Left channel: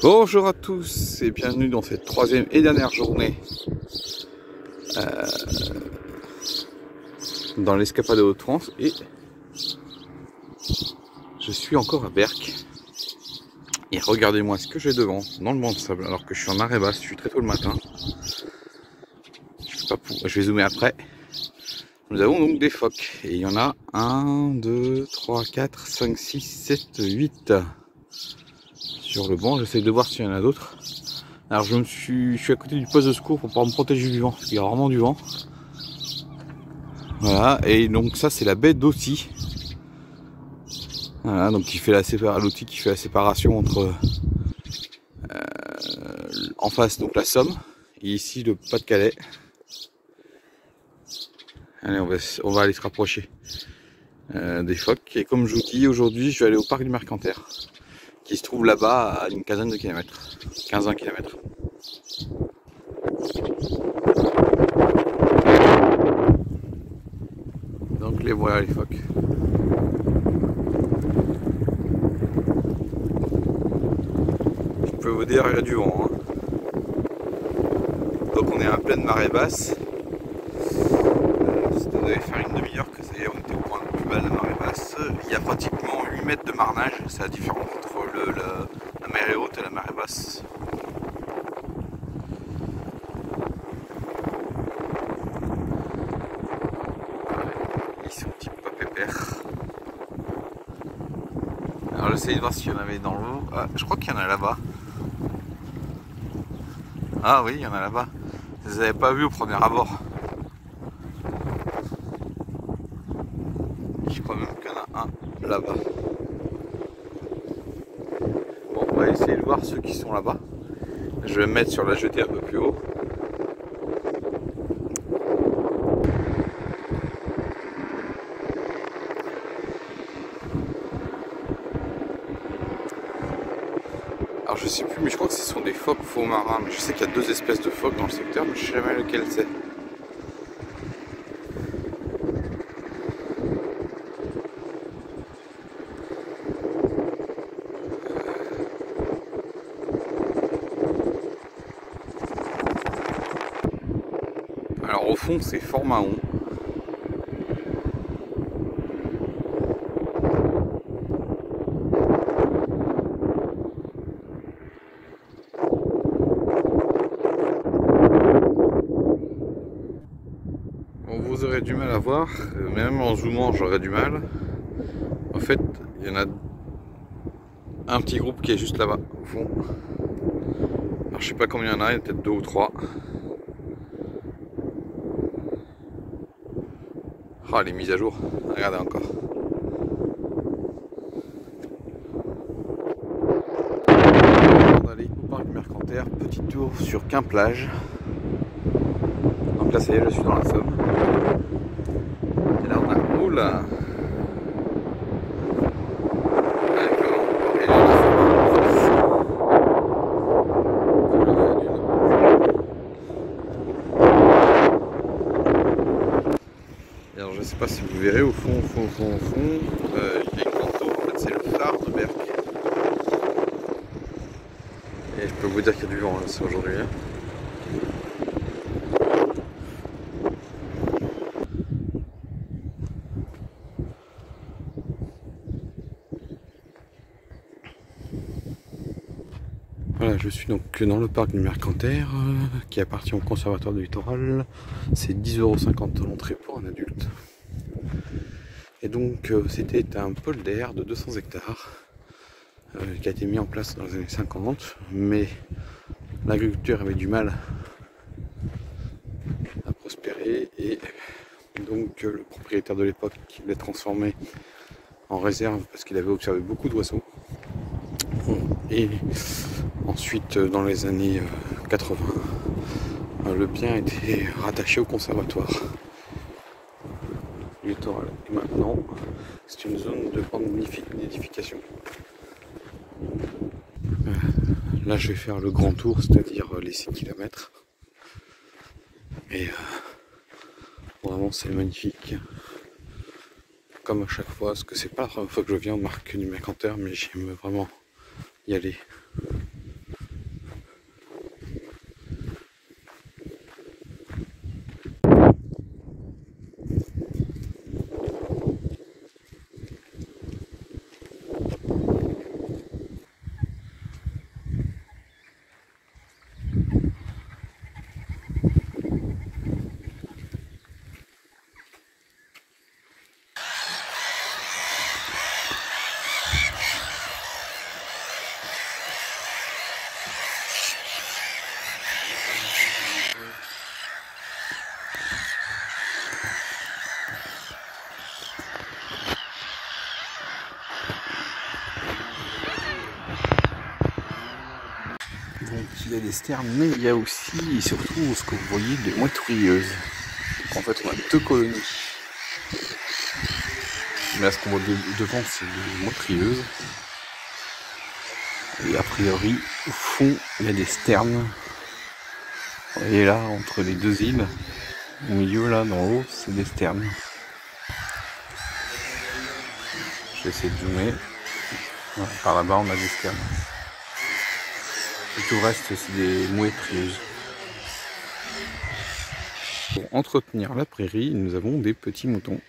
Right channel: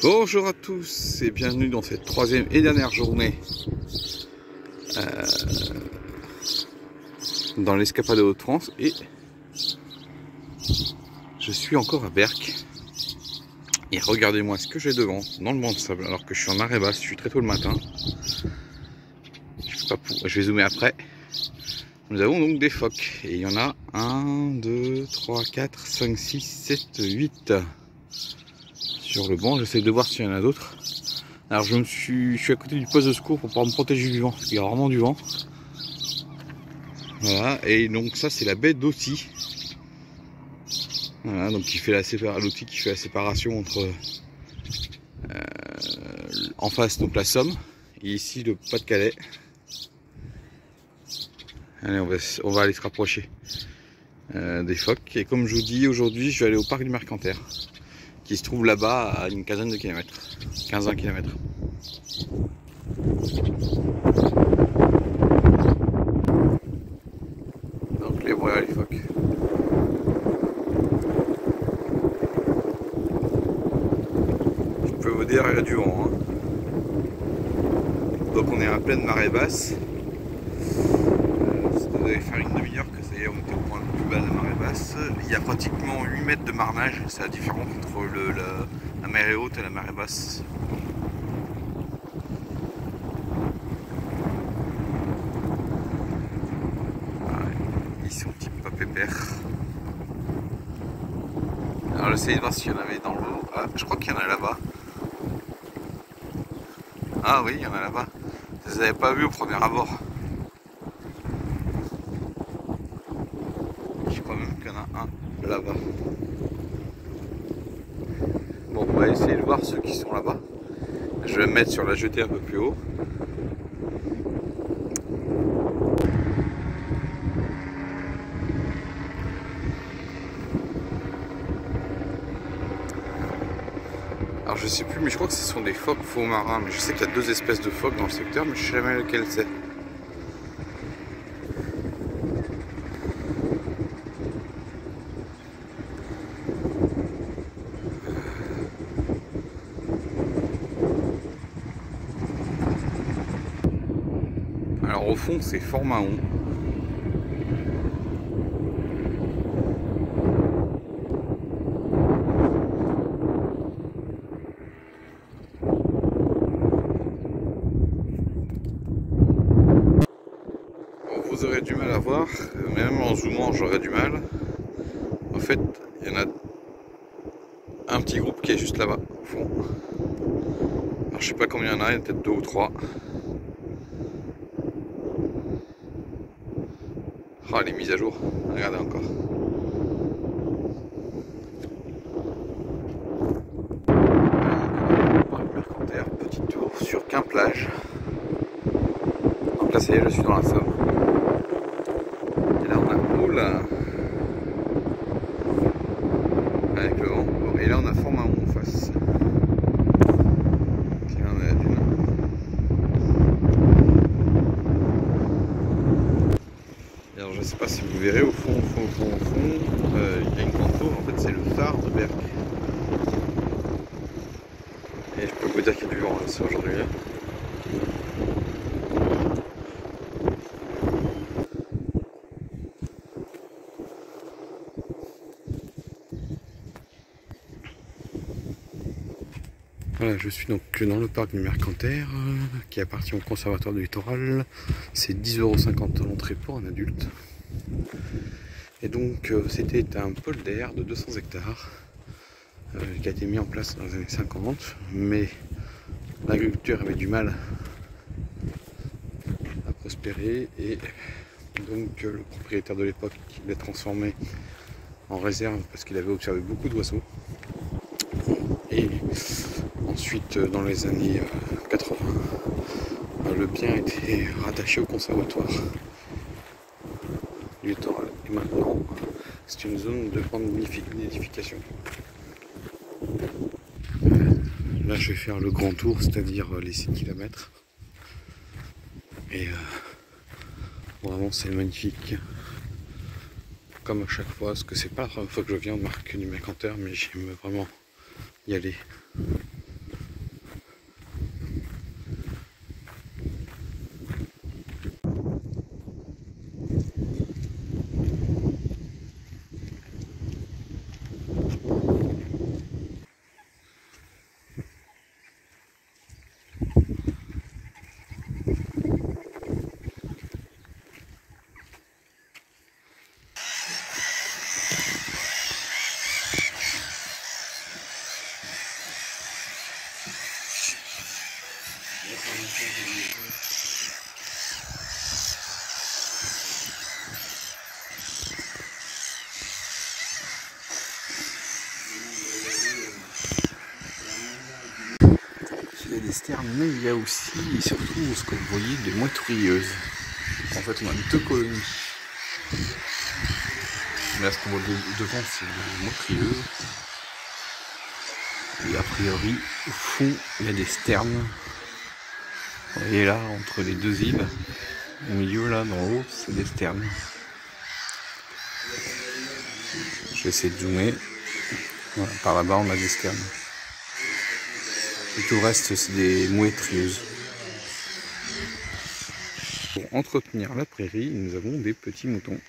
Bonjour à tous et bienvenue dans cette troisième et dernière journée dans l'escapade de Haute-France, et je suis encore à Berck. Et regardez-moi ce que j'ai devant dans le banc de sable alors que je suis en marée basse, je suis très tôt le matin. Je vais zoomer après. Nous avons donc des phoques et il y en a 1, 2, 3, 4, 5, 6, 7, 8 sur le banc. J'essaie de voir s'il y en a d'autres. Alors je suis à côté du poste de secours pour pouvoir me protéger du vent, parce qu'il y a vraiment du vent. Voilà, et donc ça c'est la baie d'Authie. Voilà, donc l'Authie qui fait la séparation entre en face donc la Somme et ici le Pas-de-Calais. Allez, on va aller se rapprocher des phoques. Et comme je vous dis, aujourd'hui je vais aller au parc du Mercantaire, qui se trouve là-bas à une quinzaine de kilomètres, 15-20 km. Donc les voilà les phoques. Je peux vous dire, il y a du vent. Hein. Donc on est en pleine marée basse. Ça devait faire une demi-heure que ça y est, on était au point le plus bas de la marée basse. Il y a pratiquement 8 mètres de marnage, c'est la différence entre la marée haute et la marée basse. Ils sont un petit peu pépères. Alors j'essaie de voir s'il y en avait dans l'eau. Ah, je crois qu'il y en a là-bas. Ah oui, il y en a là-bas. Je ne les avais pas vus au premier abord. Je crois même qu'il y en a un là-bas. Bon, on va essayer de voir ceux qui sont là-bas. Je vais me mettre sur la jetée un peu plus haut. Alors je sais plus, mais je crois que ce sont des phoques faux marins. Mais je sais qu'il y a deux espèces de phoques dans le secteur, mais je sais jamais lequel c'est. Alors au fond c'est Fort Mahon. Bon, vous aurez du mal à voir, même en zoomant j'aurais du mal. En fait il y en a un petit groupe qui est juste là-bas au fond. Alors je sais pas combien il y en a peut-être 2 ou 3. Ah, les mises à jour, regardez encore. Parc du Mercantaire, petit tour sur Quimplage. Donc là ça y est, je suis dans la Somme. Et là on a oula avec le vent. Et là on a Fort Mahon en face. Puis on a la dune. Et alors je sais pas si vous verrez au fond, il y a une grande tour, en fait c'est le phare de Berck. Et je peux vous dire qu'il y a du vent là, aujourd'hui. Voilà, je suis donc dans le parc du Mercantaire qui appartient au Conservatoire du Littoral. C'est 10,50 € l'entrée pour un adulte. Et donc c'était un polder de 200 hectares qui a été mis en place dans les années 50, mais l'agriculture avait du mal à prospérer et donc le propriétaire de l'époque l'a transformé en réserve parce qu'il avait observé beaucoup d'oiseaux. Et ensuite, dans les années 80, le bien a été rattaché au conservatoire du littoral. Et maintenant, c'est une zone de grande nidification. Là, je vais faire le grand tour, c'est-à-dire les 6 km. Et vraiment, c'est magnifique. Comme à chaque fois, parce que c'est pas la première fois que je viens au parc du Mercantaire, mais j'aime vraiment y aller. a des sternes, mais il y a aussi et surtout ce que vous voyez des mouettes rieuses. Donc en fait on a 2 colonies. Mais là ce qu'on voit devant c'est des mouettes rieuses. Et a priori au fond il y a des sternes. Vous voyez là entre les 2 îles, au milieu là dans haut c'est des sternes. Je vais essayer de zoomer. Voilà, par là-bas on a des sternes. Et tout le reste c'est des mouettes rieuses. Pour entretenir la prairie, nous avons des petits moutons.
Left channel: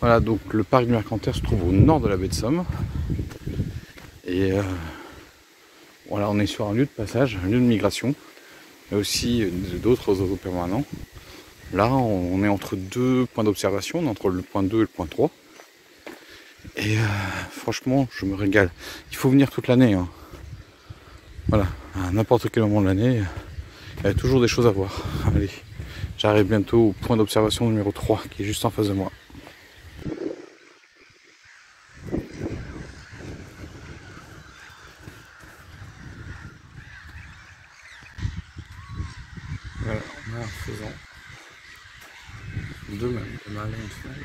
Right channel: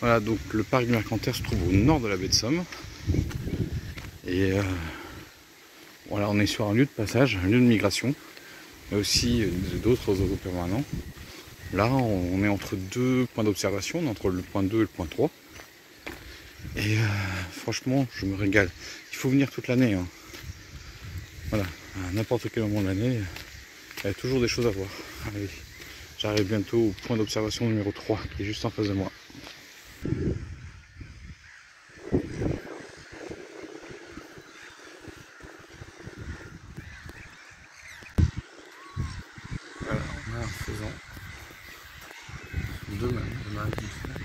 Voilà, donc le parc du Mercantaire se trouve au nord de la baie de Somme. Et voilà, on est sur un lieu de passage, un lieu de migration. Il y a aussi d'autres oiseaux permanents. Là, on est entre 2 points d'observation, entre le point 2 et le point 3. Et franchement, je me régale. Il faut venir toute l'année. Hein. Voilà, à n'importe quel moment de l'année, il y a toujours des choses à voir. Allez, j'arrive bientôt au point d'observation numéro 3, qui est juste en face de moi. Voilà, on a un faisan. 2 même, de mâle et une femelle.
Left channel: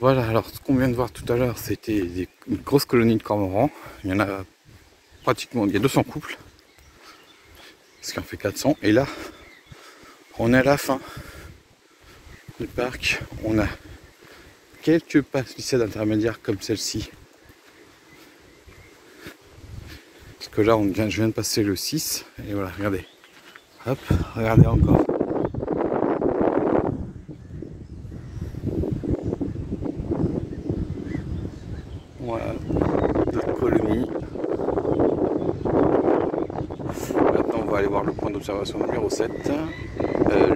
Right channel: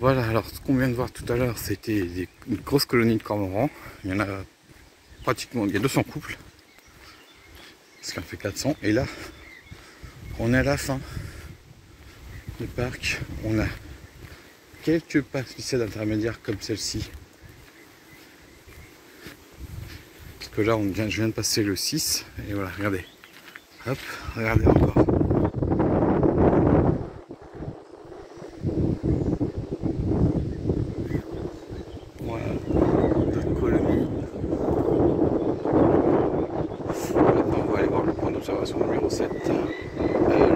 Voilà, alors ce qu'on vient de voir tout à l'heure, c'était une grosse colonie de cormorans. Il y en a pratiquement, il y a 200 couples. Ce qui en fait 400. Et là, on est à la fin du parc. On a quelques palissades intermédiaires comme celle-ci. Parce que là, je viens de passer le 6. Et voilà, regardez. Hop, regardez encore. Voilà, d'autres colonies. Maintenant, on va aller voir le point d'observation numéro 7.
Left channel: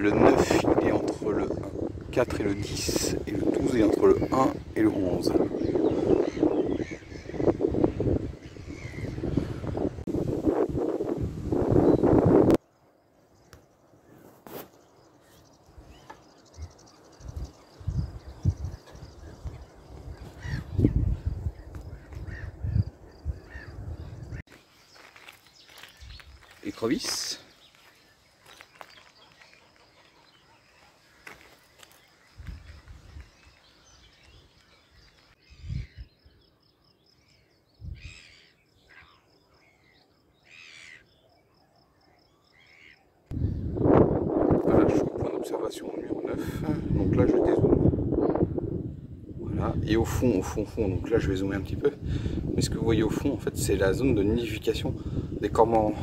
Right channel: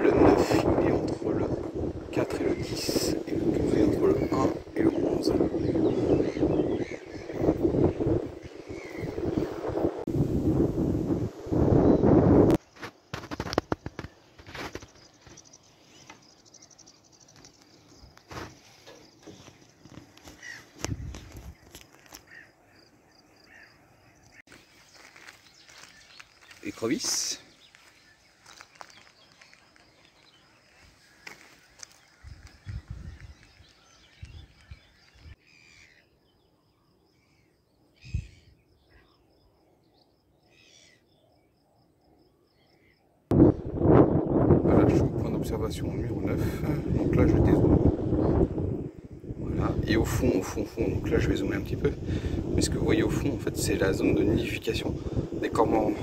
Le 9, il est entre le 4 et le 10. Et le 12 est entre le 1 et le 11. Écrevisse. Voilà, je suis au point d'observation numéro 9. Donc là, je dézoome. Voilà. Et au fond, donc là, je vais zoomer un petit peu. Mais ce que vous voyez au fond, en fait, c'est la zone de nidification des cormorans.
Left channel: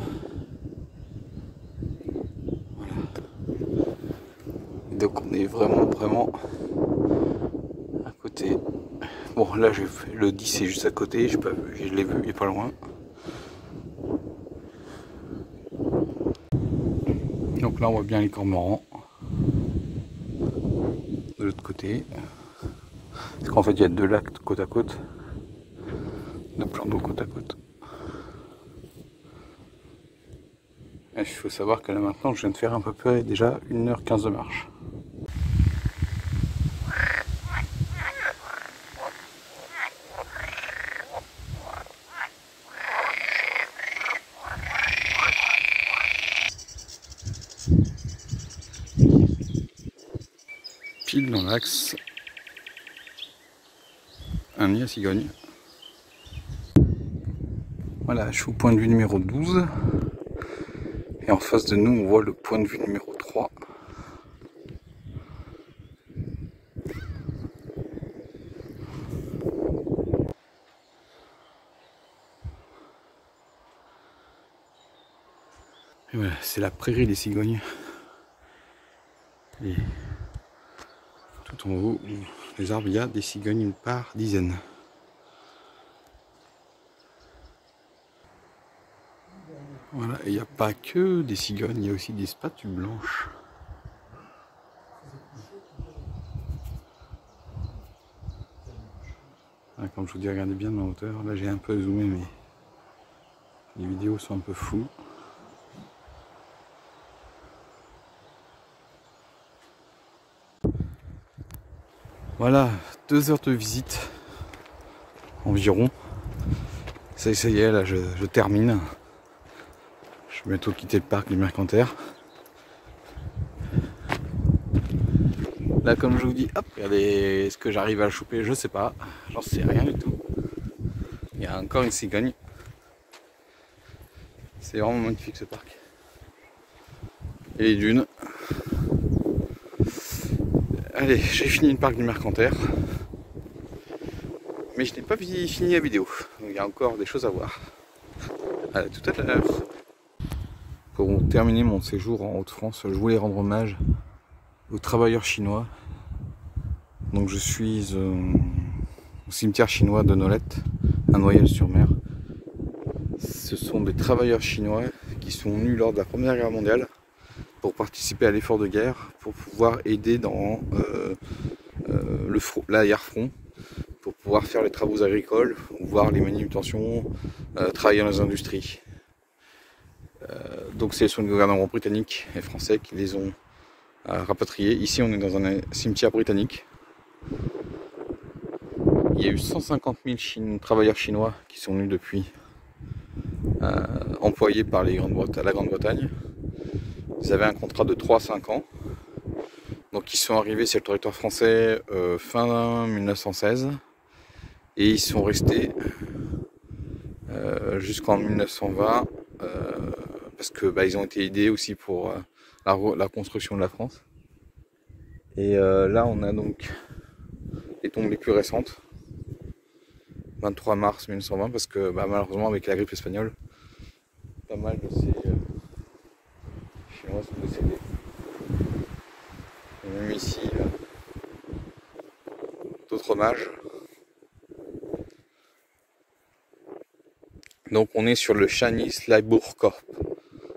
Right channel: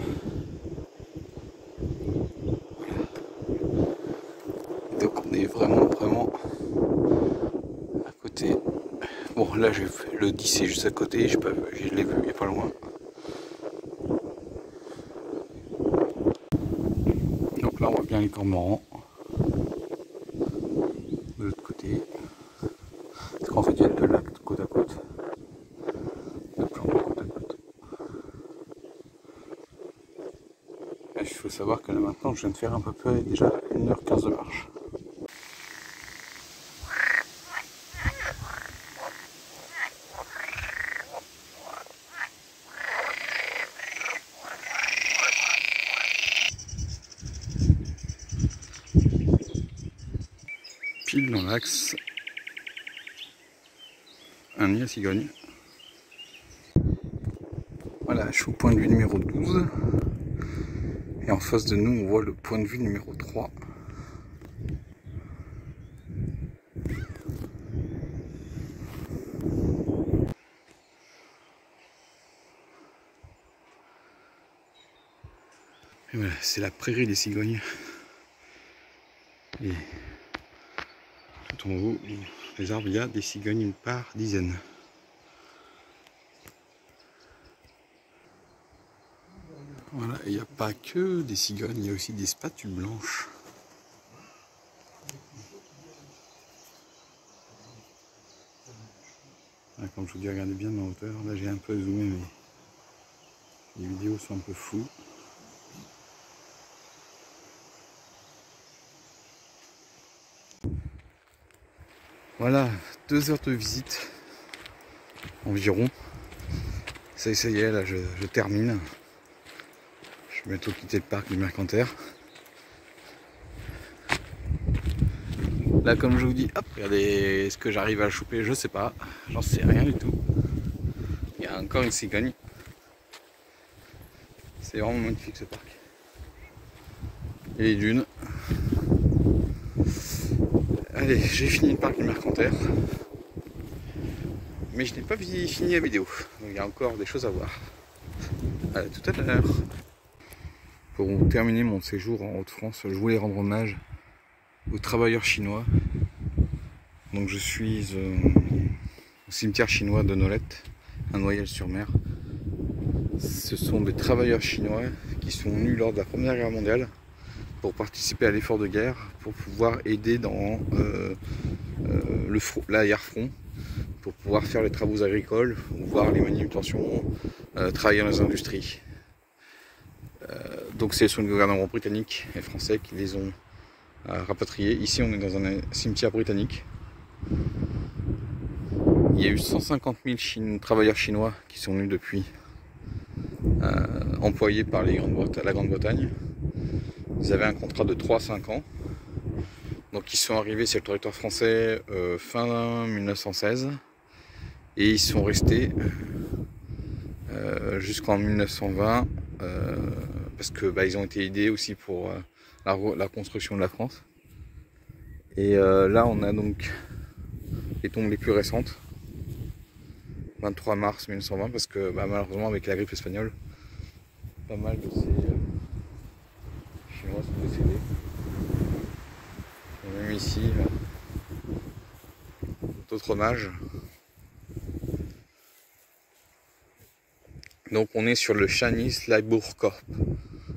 Donc on est vraiment à côté. Bon là le 10 est juste à côté, je l'ai vu, il est pas loin. Donc là on voit bien les cormorans de l'autre côté. Parce qu'en fait il y a 2 lacs côte à côte. 2 plans d'eau côte à côte. Et il faut savoir que là maintenant je viens de faire à peu près déjà 1h15 de marche. dans l'axe, un nid à cigogne. Voilà, je suis au point de vue numéro 12. Et en face de nous, on voit le point de vue numéro 3. Et voilà, c'est la prairie des cigognes. Et tout en haut, les arbres, il y a des cigognes par dizaines. Voilà, il n'y a pas que des cigognes, il y a aussi des spatules blanches. Voilà, comme je vous dis, regardez bien ma hauteur. Là, j'ai un peu zoomé, mais les vidéos sont un peu floues. Voilà, 2 heures de visite environ. Ça y est, là je termine. Je vais bientôt quitter le parc du Mercantaire. Là, comme je vous dis, hop, regardez ce que j'arrive à choper, je sais pas. J'en sais rien du tout. Il y a encore une cigogne. C'est vraiment magnifique ce parc. Et les dunes. Allez, j'ai fini le parc du Mercantaire. Mais je n'ai pas fini la vidéo. Donc, il y a encore des choses à voir. Allez, tout à l'heure. Pour terminer mon séjour en Haute-France, je voulais rendre hommage aux travailleurs chinois. Donc je suis au cimetière chinois de Nolette, à Noyelles-sur-Mer. Ce sont des travailleurs chinois qui sont venus lors de la Première Guerre mondiale pour participer à l'effort de guerre, pour pouvoir aider dans l'arrière-front, pour pouvoir faire les travaux agricoles, ou voir les manutentions, travailler dans les industries. Donc c'est le gouvernement britannique et français qui les ont rapatriés. Ici on est dans un cimetière britannique. Il y a eu 150 000 travailleurs chinois qui sont venus depuis, employés par la Grande-Bretagne. Ils avaient un contrat de 3 à 5 ans. Donc ils sont arrivés sur le territoire français fin 1916 et ils sont restés jusqu'en 1920 parce que ils ont été aidés aussi pour la construction de la France. Et là on a donc les tombes les plus récentes, 23 mars 1920, parce que malheureusement avec la grippe espagnole, pas mal de ces Chinois sont décédés. Et même ici, d'autres hommages. Donc on est sur le Chinese Labour Corps,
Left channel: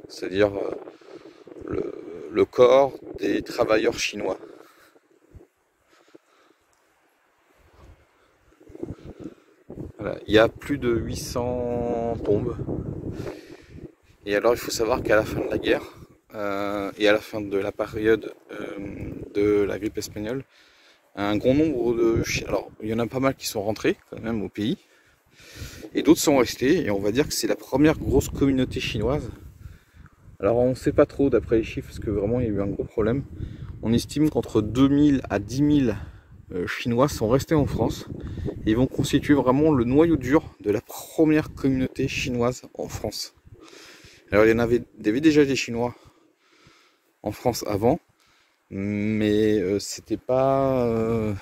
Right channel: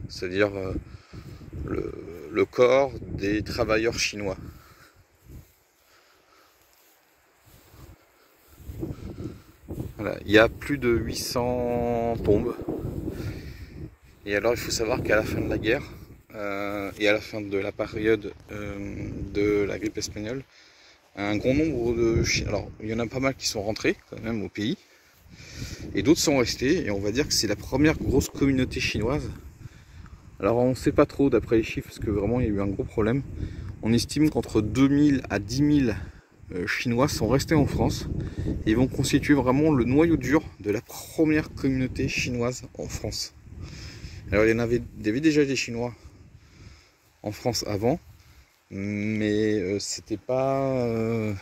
c'est-à-dire le corps des travailleurs chinois. Voilà, il y a plus de 800 tombes. Et alors il faut savoir qu'à la fin de la guerre et à la fin de la période de la grippe espagnole, un grand nombre de Chinois, alors il y en a pas mal qui sont rentrés quand même au pays, et d'autres sont restés, et on va dire que c'est la première grosse communauté chinoise. Alors on ne sait pas trop d'après les chiffres, parce que vraiment il y a eu un gros problème. On estime qu'entre 2000 à 10 000 Chinois sont restés en France, et ils vont constituer vraiment le noyau dur de la première communauté chinoise en France. Alors il y en avait déjà des Chinois en France avant, mais c'était pas...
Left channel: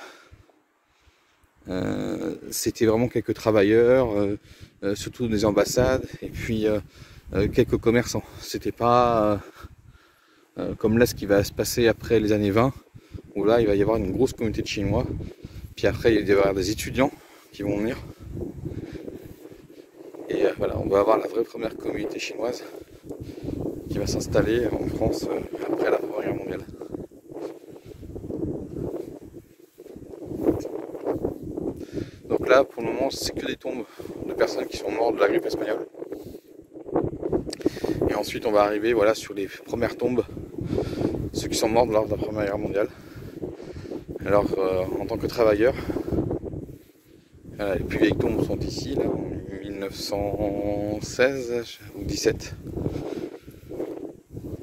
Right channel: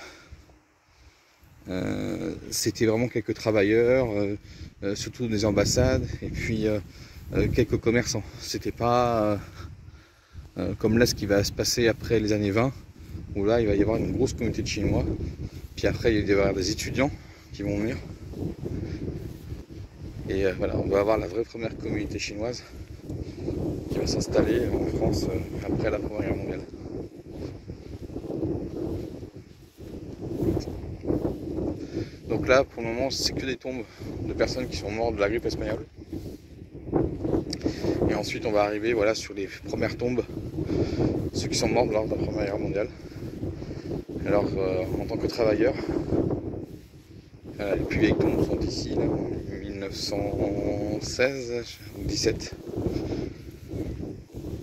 c'était vraiment quelques travailleurs, surtout des ambassades, et puis quelques commerçants. C'était pas comme là ce qui va se passer après les années 20, où là il va y avoir une grosse communauté de Chinois, puis après il va y avoir des étudiants qui vont venir. Et voilà, on va avoir la vraie première communauté chinoise qui va s'installer en France après la Première Guerre mondiale. Donc là, pour le moment, c'est que des tombes de personnes qui sont mortes de la grippe espagnole. Et ensuite, on va arriver sur les premières tombes, ceux qui sont morts lors de la Première Guerre mondiale. Alors, en tant que travailleurs, les plus vieilles tombes sont ici, là, en 1916 ou 17.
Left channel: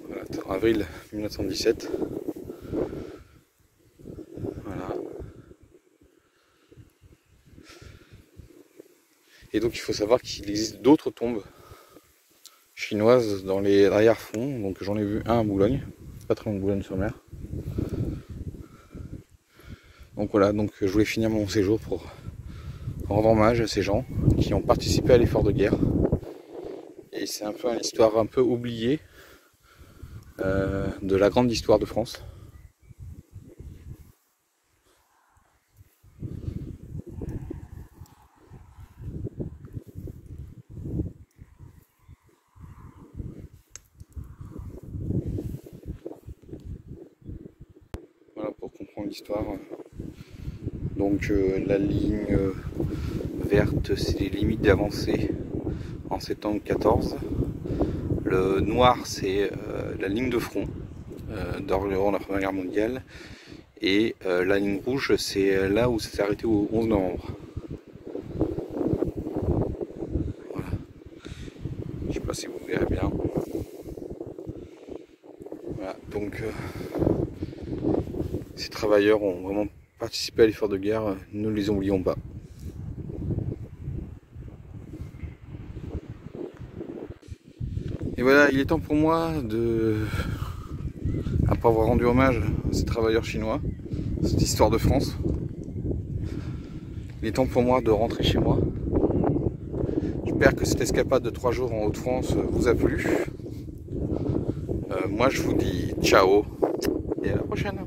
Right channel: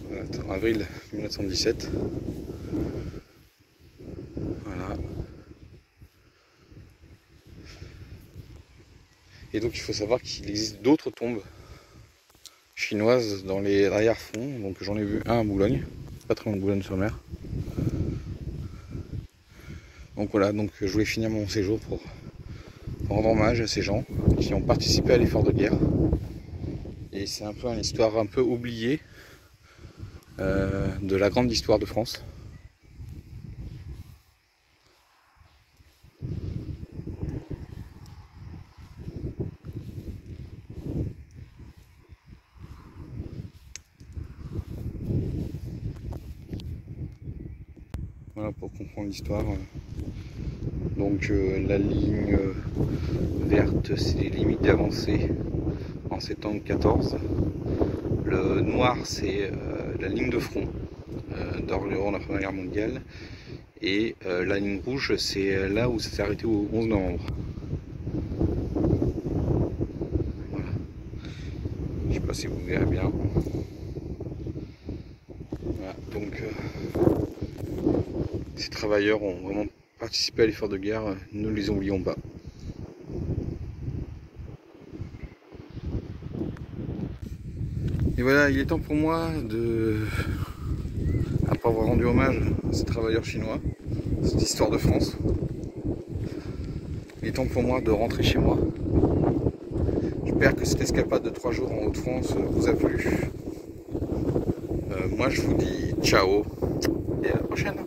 Voilà, avril 1917. Et donc il faut savoir qu'il existe d'autres tombes chinoises dans les arrière-fonds. Donc j'en ai vu un à Boulogne, pas très loin de Boulogne-sur-Mer. Donc voilà, donc je voulais finir mon séjour pour rendre hommage à ces gens qui ont participé à l'effort de guerre. Et c'est un peu une histoire un peu oubliée de la grande histoire de France. Voilà pour comprendre l'histoire. Donc la ligne verte, c'est les limites d'avancée en septembre 14. Le noir, c'est la ligne de front durant la Première Guerre mondiale. Et la ligne rouge, c'est là où ça s'est arrêté au 11 novembre. Voilà. Je sais pas si vous verrez bien. Voilà. Donc ces travailleurs ont vraiment participé à l'effort de guerre, ne les oublions pas. Et voilà, il est temps pour moi de, après avoir rendu hommage à ces travailleurs chinois, cette histoire de France, il est temps pour moi de rentrer chez moi. J'espère que cette escapade de 3 jours en Haute-France vous a plu. Moi je vous dis ciao et à la prochaine.